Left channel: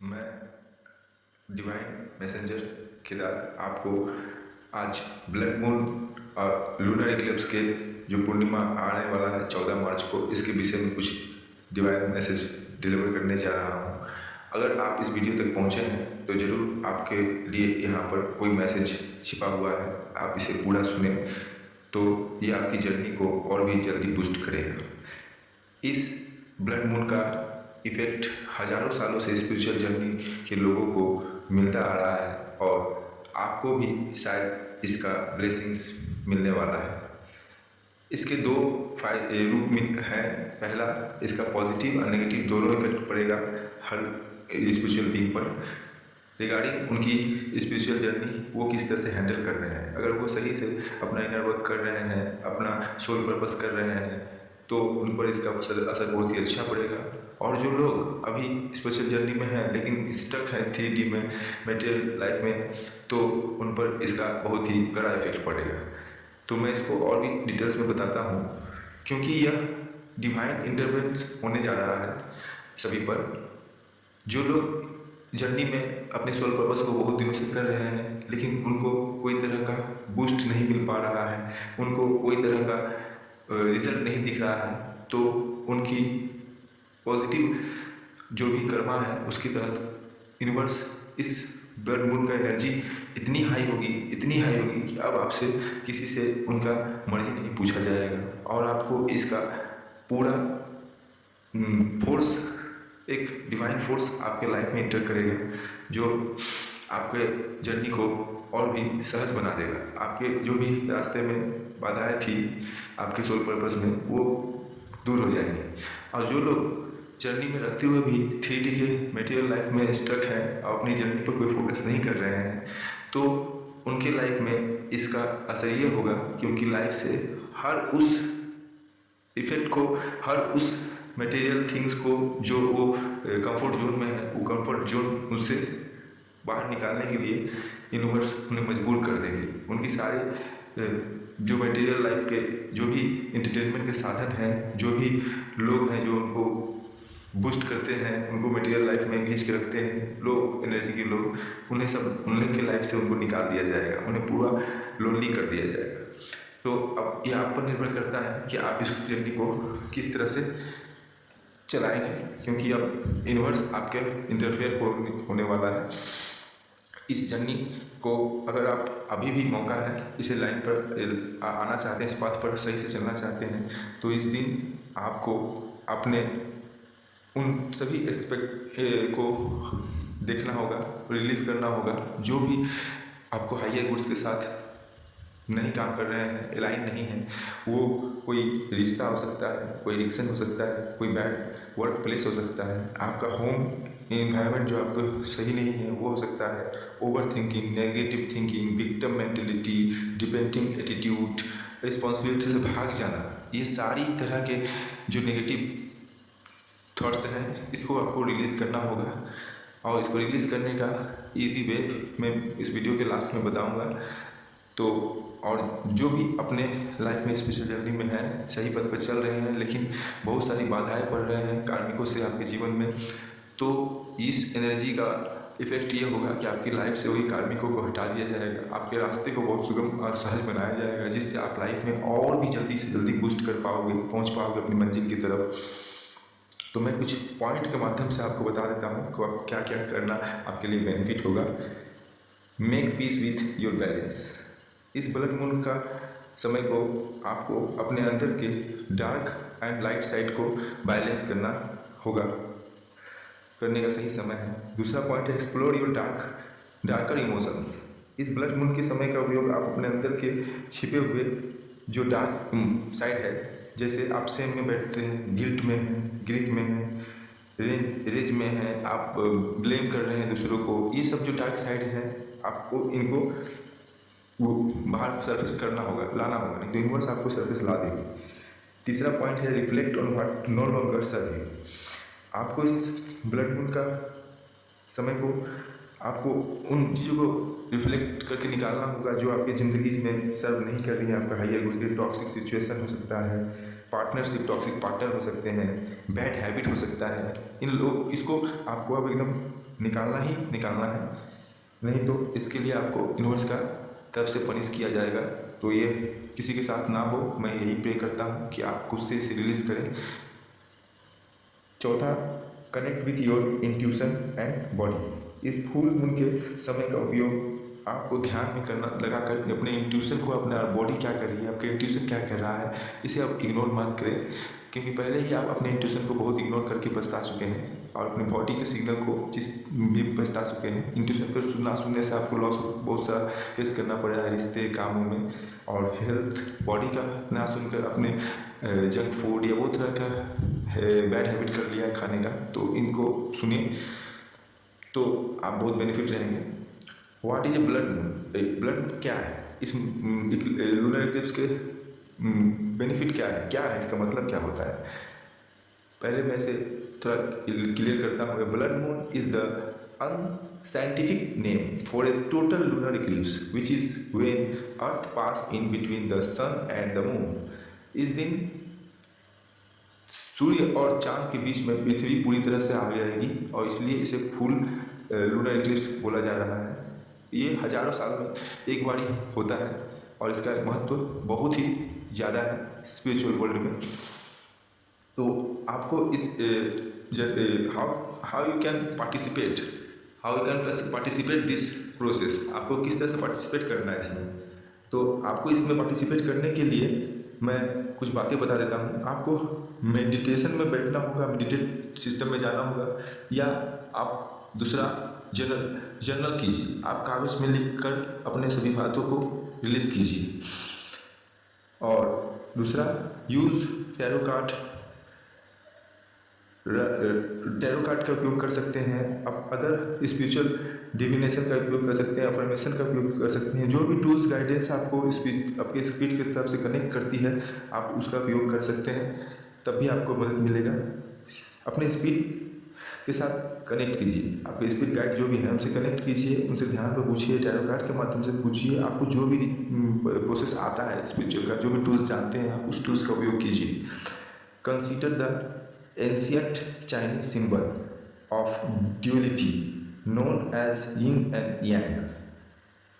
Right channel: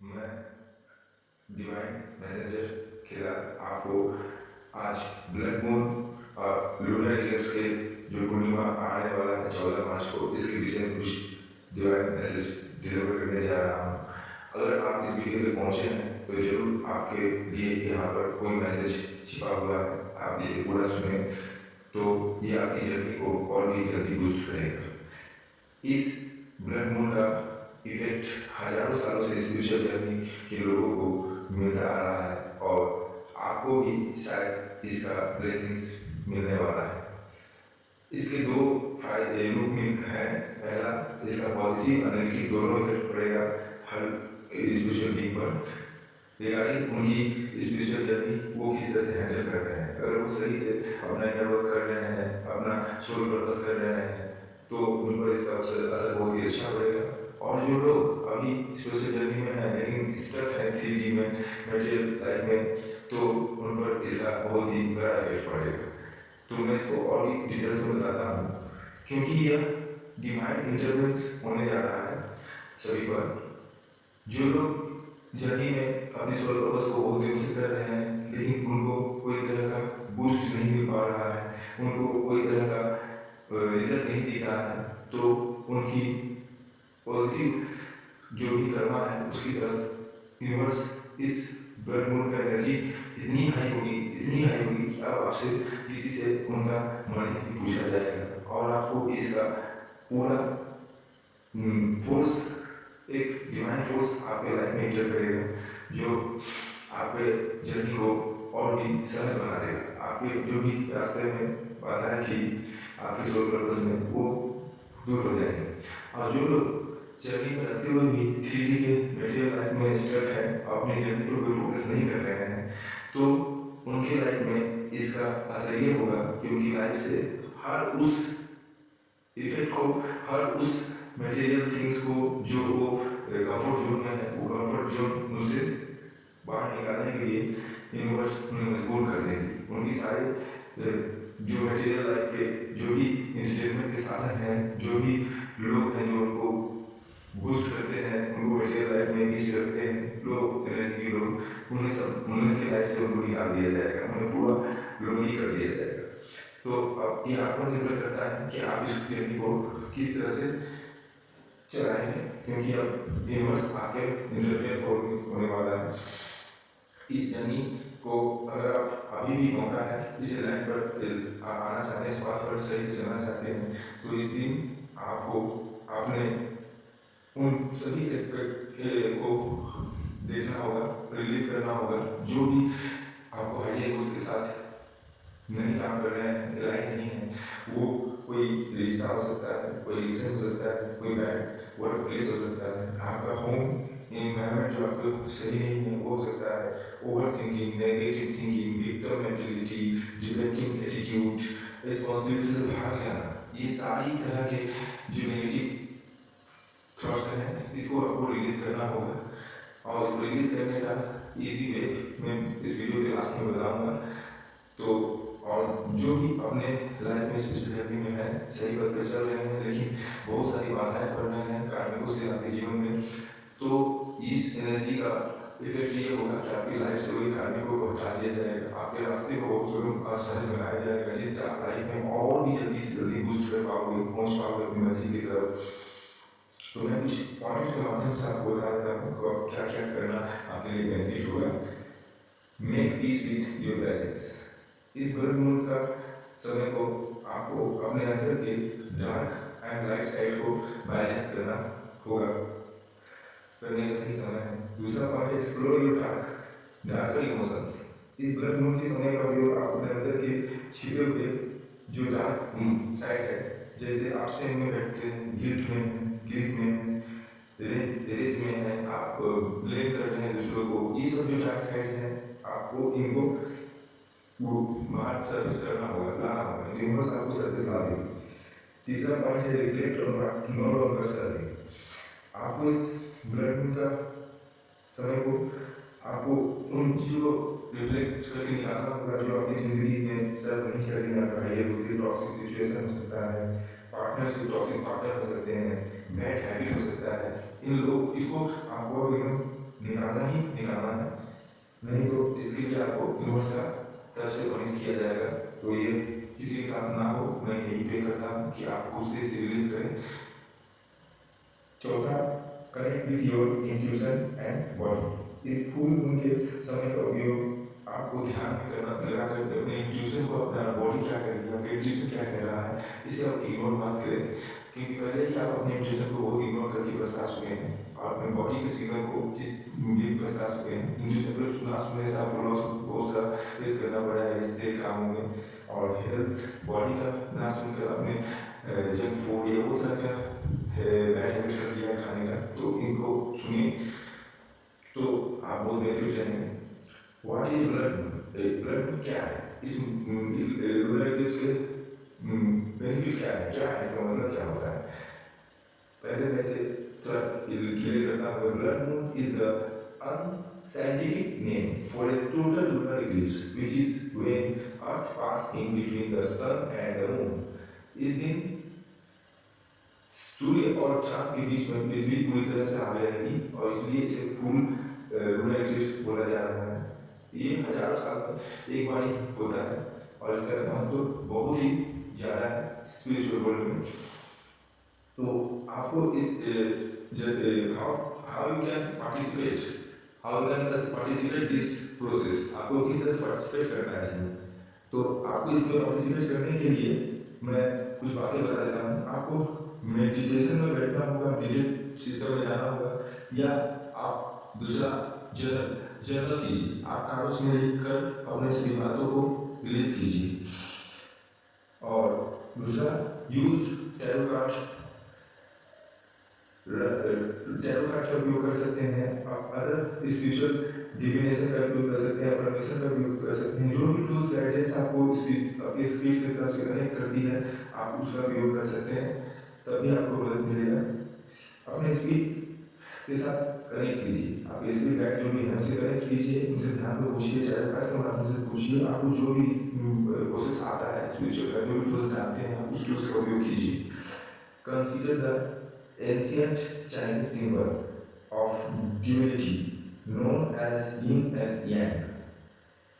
मैं divine messenger Kedar आपको आज ब्लड मून और लूनर इक्लिप्स के जो पूर्णिमा आने वाला है 14 मार्च को, इसके विषय में कुछ डिवाइन मैसेज डिलीवर करने जा रहा हूँ। अगर आप इस वीडियो तक पहुँचे हैं तो ज़रूर आपके लिए यहाँ पर कोई मैसेज छिपा हुआ है। आप इसे पूरा सुने तो ये आपकी जर्नी को और भी जल्दी बूस्ट करेगा। इस ब्लड मून का इफ़ेक्ट हज़ारों सालों से स्पिरिचुअल जर्नी के लोगों को मिलता आ रहा है और आपको भी शायद इसका ब्लेसिंग्स मिलने वाला है। इसके दो रूप में हैं। पहला, इसका पॉजिटिव और नेगेटिव दोनों इफेक्ट पड़ेगा हर स्पिरिचुअल बीइंग पर रिगार्डिंग उनकी स्पिरिचुअल जर्नी, वो किस तरह से हैंडल कर रहे हैं। अगर वो सही से अपना इनर वर्क कर रहे हैं, अपना सोल पर्पस कर रहे हैं, तो उन पर इसका असर बहुत ही अच्छा पड़ेगा। और जो लोग अभी स्पिरिचुअल जर्नी में हैं लेकिन स्टक है 3D में, मटेरियल लाइफ में, तो उन पर इसका बहुत ही कड़ा इफेक्ट पड़ेगा। तो मैं इसको और भी डिटेल्स में बताता हूँ, क्योंकि यह डिवाइन इंटरवेंस होने जा रहा है सभी पर। जो लोग जर्नी में अपने सोल पर्पस को बहुत दिनों से कर रहे हैं लेकिन उनको कोई तरह का बूस्ट नहीं मिल पा रहा है, उनको कोई तरह का रिजल्ट नहीं दिख रहा है, तो उनकी पॉजिटिव जो भी कर्मा है उसकी तहत यूनिवर्स इस ब्लड मून का एनर्जी इतनी हाई होगी कि अब आपसे किसी से उनका मर्जी नहीं पूछा जाएगा और आपको इसका पूरा फोर्स, एक डिवाइन फोर्स आपके लाइफ में एंटर करेगा जो आपके जर्नी को और भी सहज बना देगा। आपके जो भी रास्ते में बाधाएं थी आपके सोल पर्पस में, वो दूर हो जाएंगी। और जो लोग जर्नी में रहते हुए भी 3D के मटेरियल लाइफ में स्टक हैं और अपनी जर्नी पर कोई फोकस नहीं कर रहे हैं, तो उनके लाइफ में इसका असर ये होगा कि उनकी लाइफ से हर उस इफेक्ट को, हर उस मटेरियल थिंग्स को जो वो कंफर्ट जोन में है, वो कंफर्ट जोन उससे बाहर निकालने के लिए यूनिवर्स उन्हें मजबूर कर देगी। उनकी सारे जो मटेरियल लाइफ के जो भी इंटरटेनमेंट के साधन हैं, जो भी लोग हैं जो उनको बूस्ट करते हैं, उनको मटेरियल लाइफ में खींच के रखते हैं, लो एनर्जी के लोग, उन्हें सब उनके लाइफ से उनको निकाल दिया जाएगा, उन्हें पूरा लोनली कर दिया जाएगा। तो अब ये आप पर निर्भर करता है कि आप इस जर्नी को किस तरह से चलाएंगे, क्योंकि अब यूनिवर्स आपके इंटरफेयर होने वाला है। इस जर्नी को अगर आप अभी भी मौका है, इसे लाइन पर आना चाहते हैं, इस पाथ पर सही से चलना चाहते हैं, तो इस दिन आपको अपने उन सभी एक्सपेक्ट को देखना होगा, रिलीज़ करना होगा। जो भी आपको हायर गुड्स के साथ नहीं काम कर रहे हैं, अलाइन नहीं है, वो कोई रिश्ता हो सकता है, कोई एडिक्शन हो सकता है, कोई बैड वर्क प्लेस हो सकता है, आपका होम इन्वायरमेंट जो आपको सही नहीं है वो हो सकता है, over thinking, negative thinking, victim mentality, depending attitude, responsibility से भाग जाना, ये सारी तरह के जो नेगेटिव थॉट्स हैं, इसको आपको रिलीज़ करना होगा। और इसको रिलीज़ करने का इजी वे मैं इस वीडियो के लास्ट में बताऊंगा। तो और जो भी अपने लाइफ में स्पिरिचुअल जर्नी में है, सही पथ पर चल रहे हैं लेकिन बहुत सारी बाधाएं पड़ रहे हैं कार्मिकों से आपके जीवन में, तो इस एनर्जी का इफेक्ट ये होगा कि आपकी लाइफ से वही कार्मिकों को हटा दिया जाएगा, आपके रास्ते को बहुत सुगम और सहज बनाया जाएगा, जिससे आप लाइफ में और भी जल्दी से जल्दी बूस्ट कर पाओगे, पहुँच पाओगे अपनी मंजिल की तरफ। तो मैं कुछ पॉइंट के माध्यम से आपको बता देता हूँ कि क्या क्या करना आपके लिए बेनिफिट होगा। Make peace with your balance. इस ब्लड मून का समय को आपको अपने अंदर के डार्क एंड लाइट साइड को बैलेंस करना होगा, करने का सही समय है। दूसरा पॉइंट है एक्सप्लोर योर डार्कर इमोशंस। इस ब्लड मून के समय का उपयोग आप अपने अंदर के छिपे हुए जो डार्क साइड है, जैसे आप सेम में बैठते हैं, गिल्ट में हैं, ग्रीफ में हैं, रेज में हैं, आप ब्लेम कर रहे हैं दूसरों को, ये सब जो डार्क साइड हैं आपको इनको वो बाहर सरफेस करना होगा, लाना होगा, नहीं तो यूनिवर्स आपको सरफेस ला देगी। तीसरा पॉइंट है reflect on what no longer serve you. आपको इस ब्लड मून का समय को आपको उन चीज़ों को रिफ्लेक्ट करके निकालना होगा जो आपकी ज़िंदगी में सर्व नहीं कर रही है। आपका हाइयर गुड, टॉक्सिक सिचुएशन हो सकता है, पार्टनरशिप, टॉक्सिक पार्टनर हो सकते हैं, बैड हैबिट हो सकता है। इन लोग इसको आपको अब एकदम निकालना ही निकालना है, नहीं तो इसके लिए आपको यूनिवर्स का तरफ से पनिश किया जाएगा। तो ये किसी के साथ ना हो, मैं यही प्रे करता हूँ कि आप खुद से इसे रिलीज करें। चौथा, connect with your intuition and body. इस फुल मून के समय का उपयोग आपको ध्यान में करना लगाकर अपने इंट्यूशन को, अपना बॉडी क्या कर रही है, आपके इंट्यूशन क्या कर रहा है, इसे आप इग्नोर मत करें, क्योंकि पहले ही आप अपने इंट्यूशन को बहुत इग्नोर करके पछता चुके हैं और अपने बॉडी के सिग्नल को जिस भी पछता चुके हैं। इंट्यूशन को ना सुनने से आपको लॉस बहुत सारा फेस करना पड़ा है रिश्ते, कामों में, और हेल्थ, बॉडी का ना सुनकर अपने जंक फूड या बहुत तरह का बैड हैबिट कर लिया है खाने का। तो इनको सुनिए तो आप बहुत बेनिफिट रहेंगे। What is a blood moon? Blood क्या है? इस लूनर इक्लिप्स के बेनिफिट क्या है इसका मतलब क्या होता है? पहले मैं इसे थोड़ा क्लियर करता हूँ। Blood moon is the unscientific name for a total lunar eclipse, which is when Earth pass in between the sun and the moon. इस दिन सूर्य और चांद के बीच में पृथ्वी पूरी तरह से आगे रहेगी और इसलिए इसे फुल लूनर इक्लिप्स बोला जा रहा है। ये हजारों साल में एक बार ही होता है और इसका महत्व बहुत ही ज़्यादा है स्पिरिचुअल वर्ल्ड में। तो आपको इस how you can participate this process, आपको किस तरह से पार्टिसिपेट करना है इसमें। तो आपको इसमें पार्टिसिपेट करने के लिए मैं कुछ बातें बता देता हूँ। आपको मेडिटेशन में बैठना होगा, मेडिटेट सिस्टम में जाना होगा, या आप दूसरा जर्नल कीजिए। आप कागज़ में लिख कर अपने सभी बातों को रिलीज कीजिए। और दूसरा, यूज़ टैरो कार्ड का उपयोग कर सकते हैं। आप अगर स्पिरिचुअल डिविनेशन का उपयोग कर सकते हैं, अफर्मेशन का उपयोग कर सकते हैं। जो भी टूल्स गाइडेंस आपको आपके स्पिरिट की तरफ से कनेक्ट करती है, आप उसका उपयोग कर सकते हैं, तभी आपको मदद मिलेगा। अपने स्पिरिट के साथ कनेक्ट कीजिए, आपके स्पिरिट गाइड जो भी है उनसे कनेक्ट कीजिए, उनसे ध्यान पर पूछिए, टैरो कार्ड के माध्यम से पूछिए। आपको जो भी प्रोसेस आता है स्पिरिचुअल का, जो भी टूल्स जानते हैं, आप उस टूल्स का उपयोग कीजिए। Consider the ancient Chinese symbol of duality known as yin and yang.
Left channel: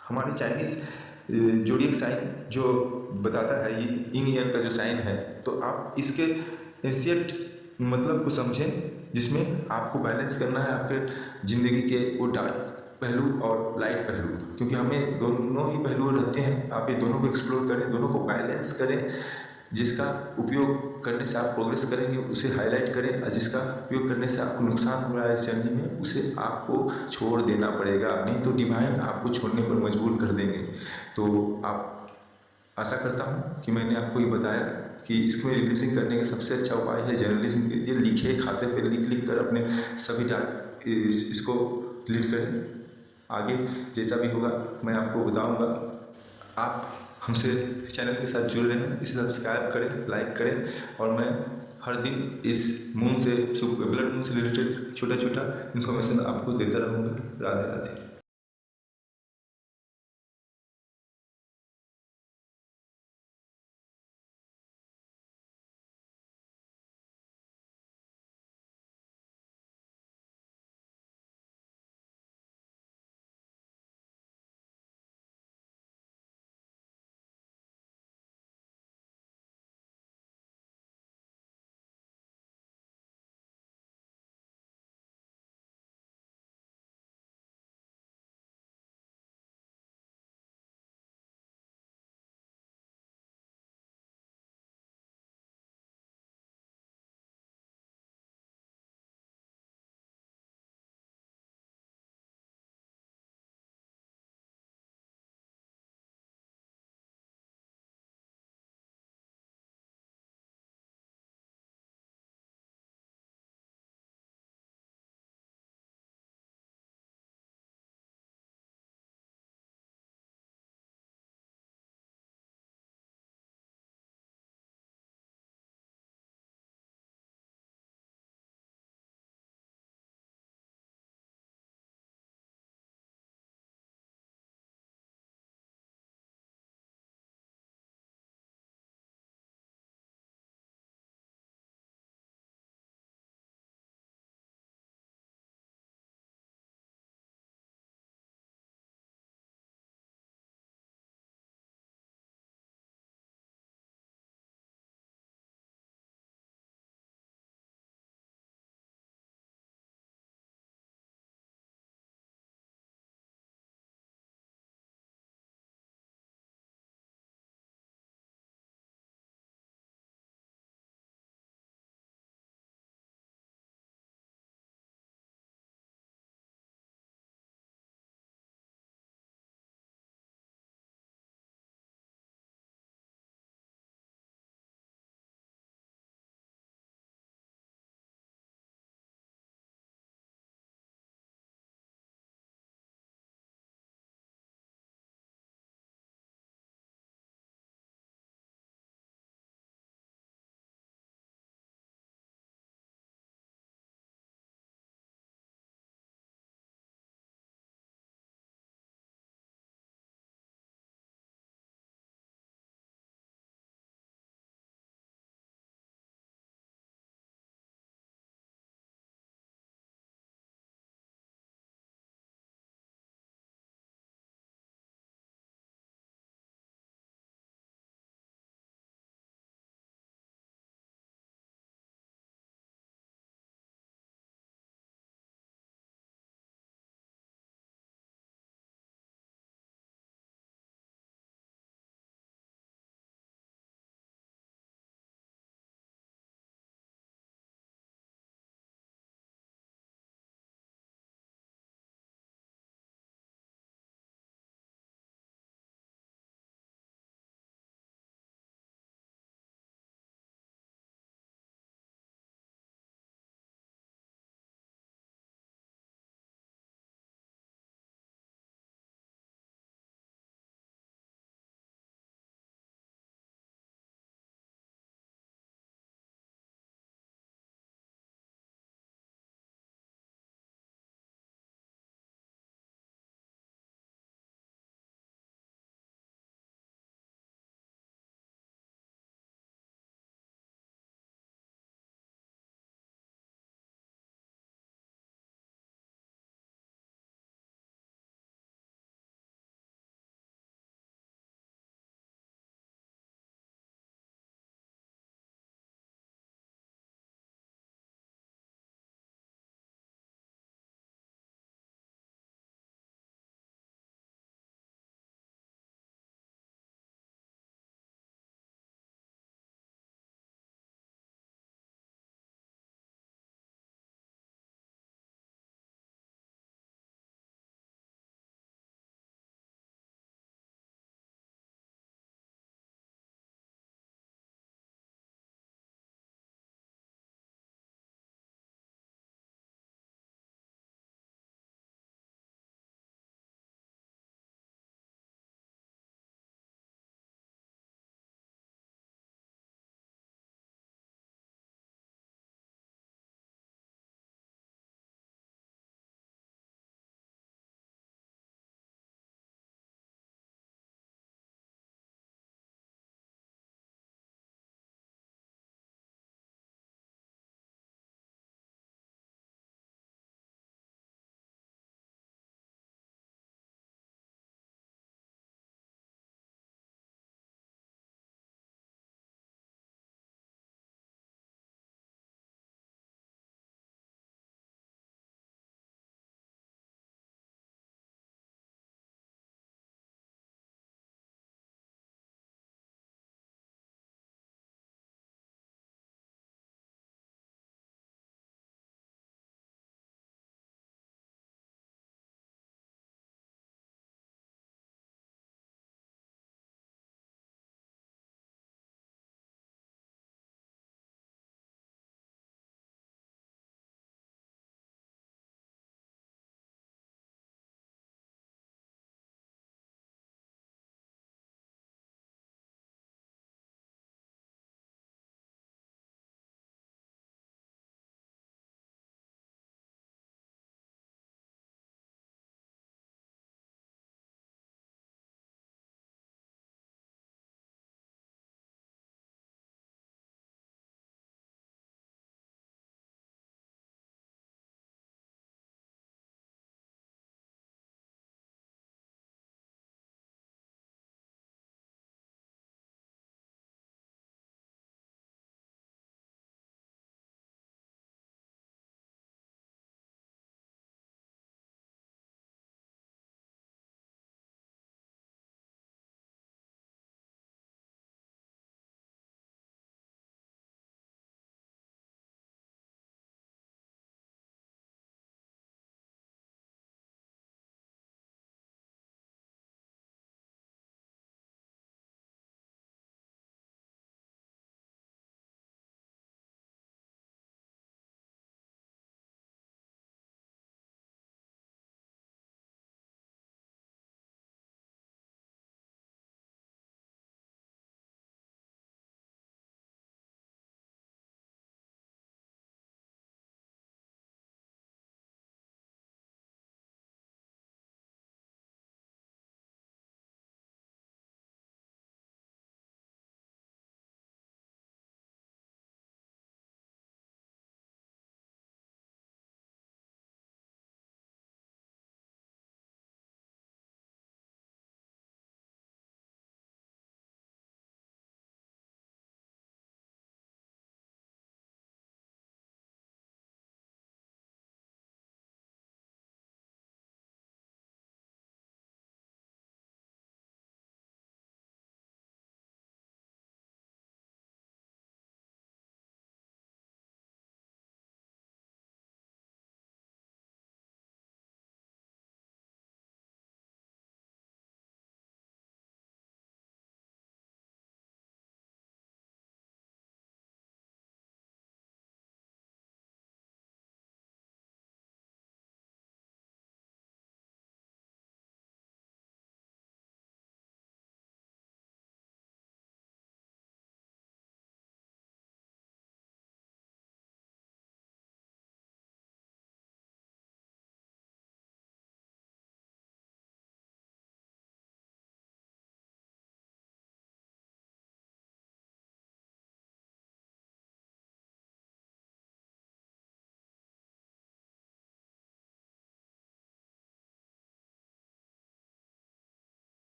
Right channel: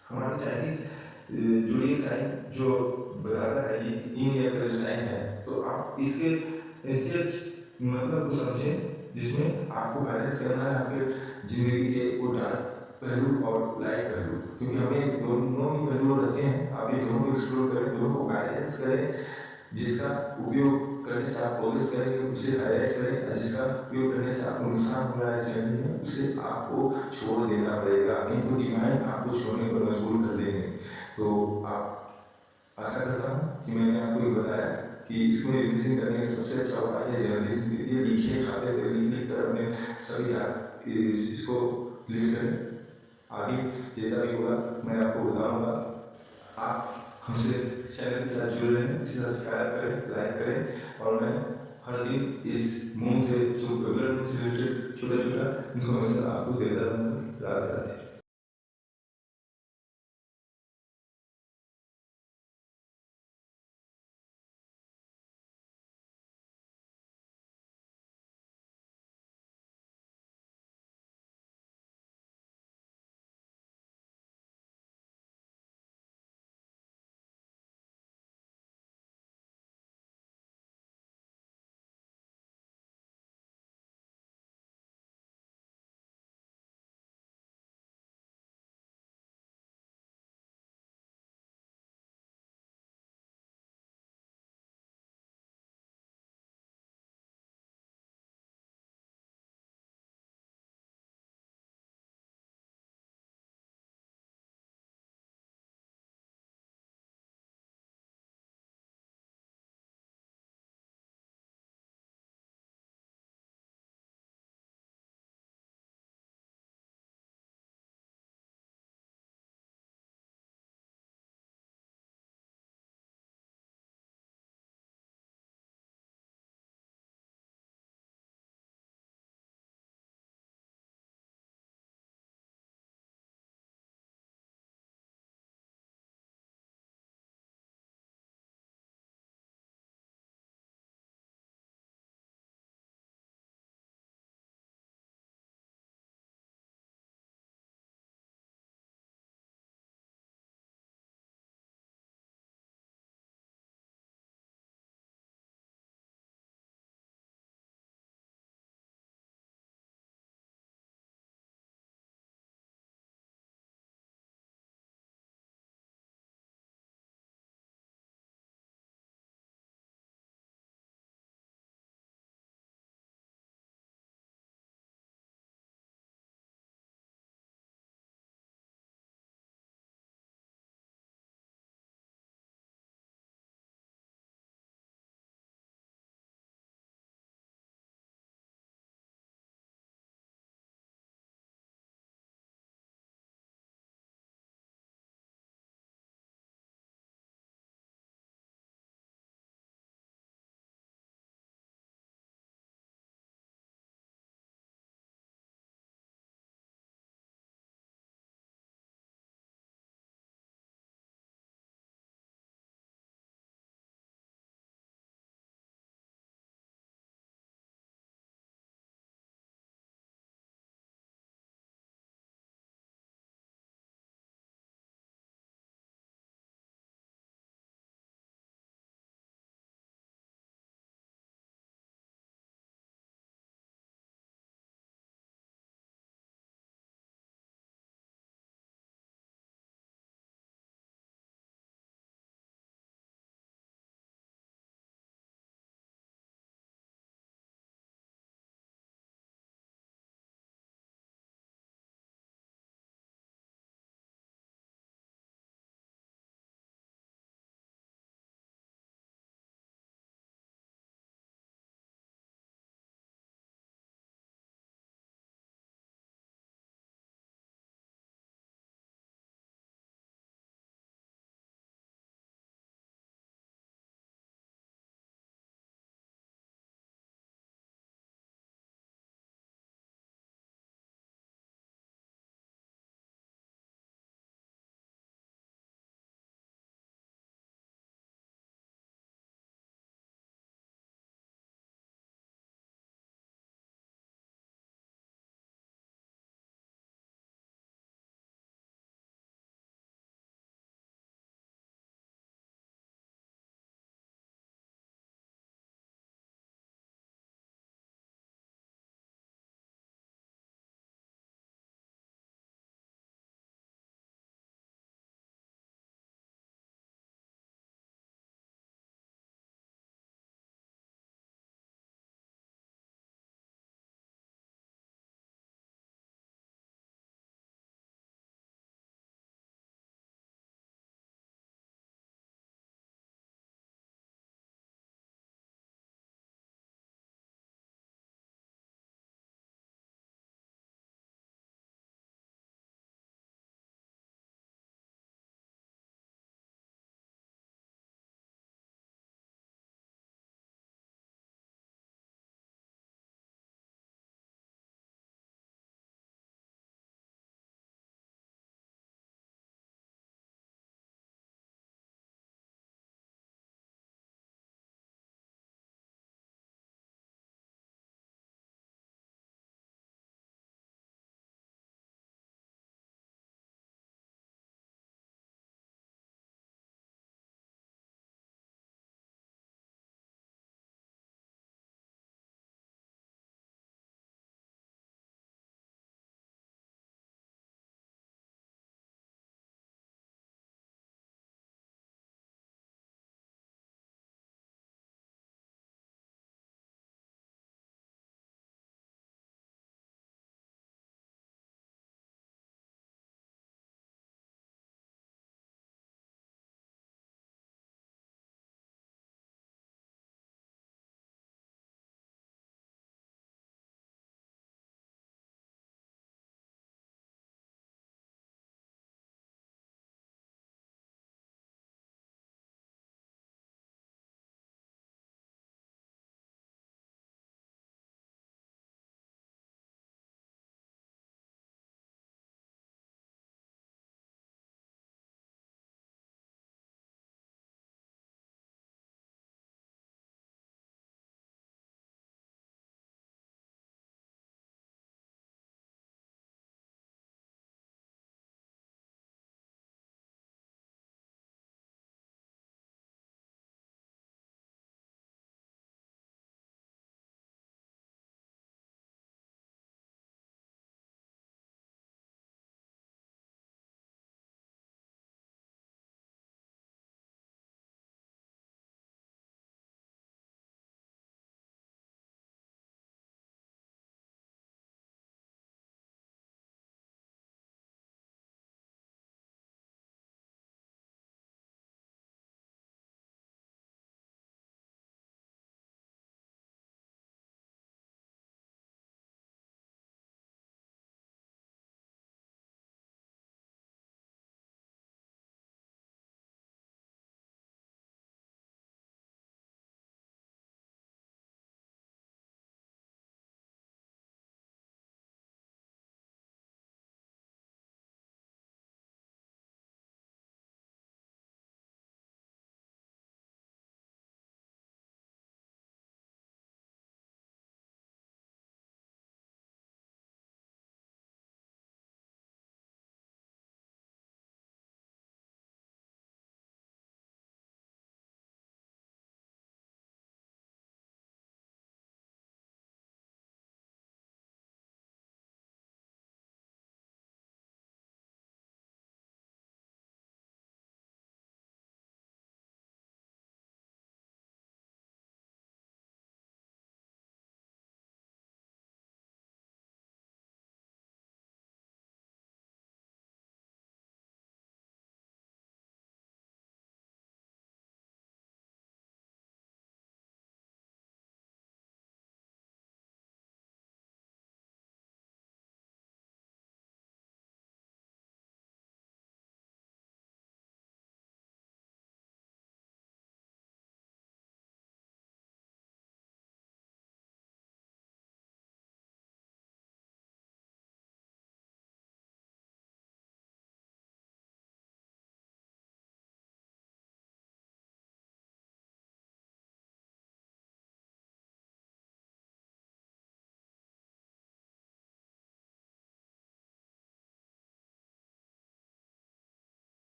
हमारे चाइनीज जोडिएक साइन जो बताता है यिन यांग का जो साइन है, तो आप इसके एंशिएंट मतलब को समझें, जिसमें आपको बैलेंस करना है आपके ज़िंदगी के वो डार्क पहलू और लाइट पहलू, क्योंकि हमें दोनों ही पहलू रहते हैं। आप ये दोनों को एक्सप्लोर करें, दोनों को बैलेंस करें। जिसका उपयोग करने से आप प्रोग्रेस करेंगे उसे हाईलाइट करें, और जिसका उपयोग करने से आपको नुकसान हो रहा है इस जर्नी में, उसे आपको छोड़ देना पड़ेगा, नहीं तो डिवाइन आपको छोड़ने पर मजबूर कर देंगे। तो आप आशा करता हूँ कि मैंने आपको ये बताया कि इसमें रिलीजिंग करने का सबसे अच्छा उपाय है जर्नलिज्म के लिए। लिखे, खाते पे लिख कर अपने सभी डार्क इसको डिलीट करें। आगे जैसा भी होगा मैं आपको बताऊँगा। आप हमसे चैनल के साथ जुड़ रहे हैं, इसे सब्सक्राइब करें, लाइक करें, और मैं हर दिन इस मून से, ब्लड मून से रिलेटेड छोटा छोटा इन्फॉर्मेशन आपको देता रहूँगा। राधे राधे।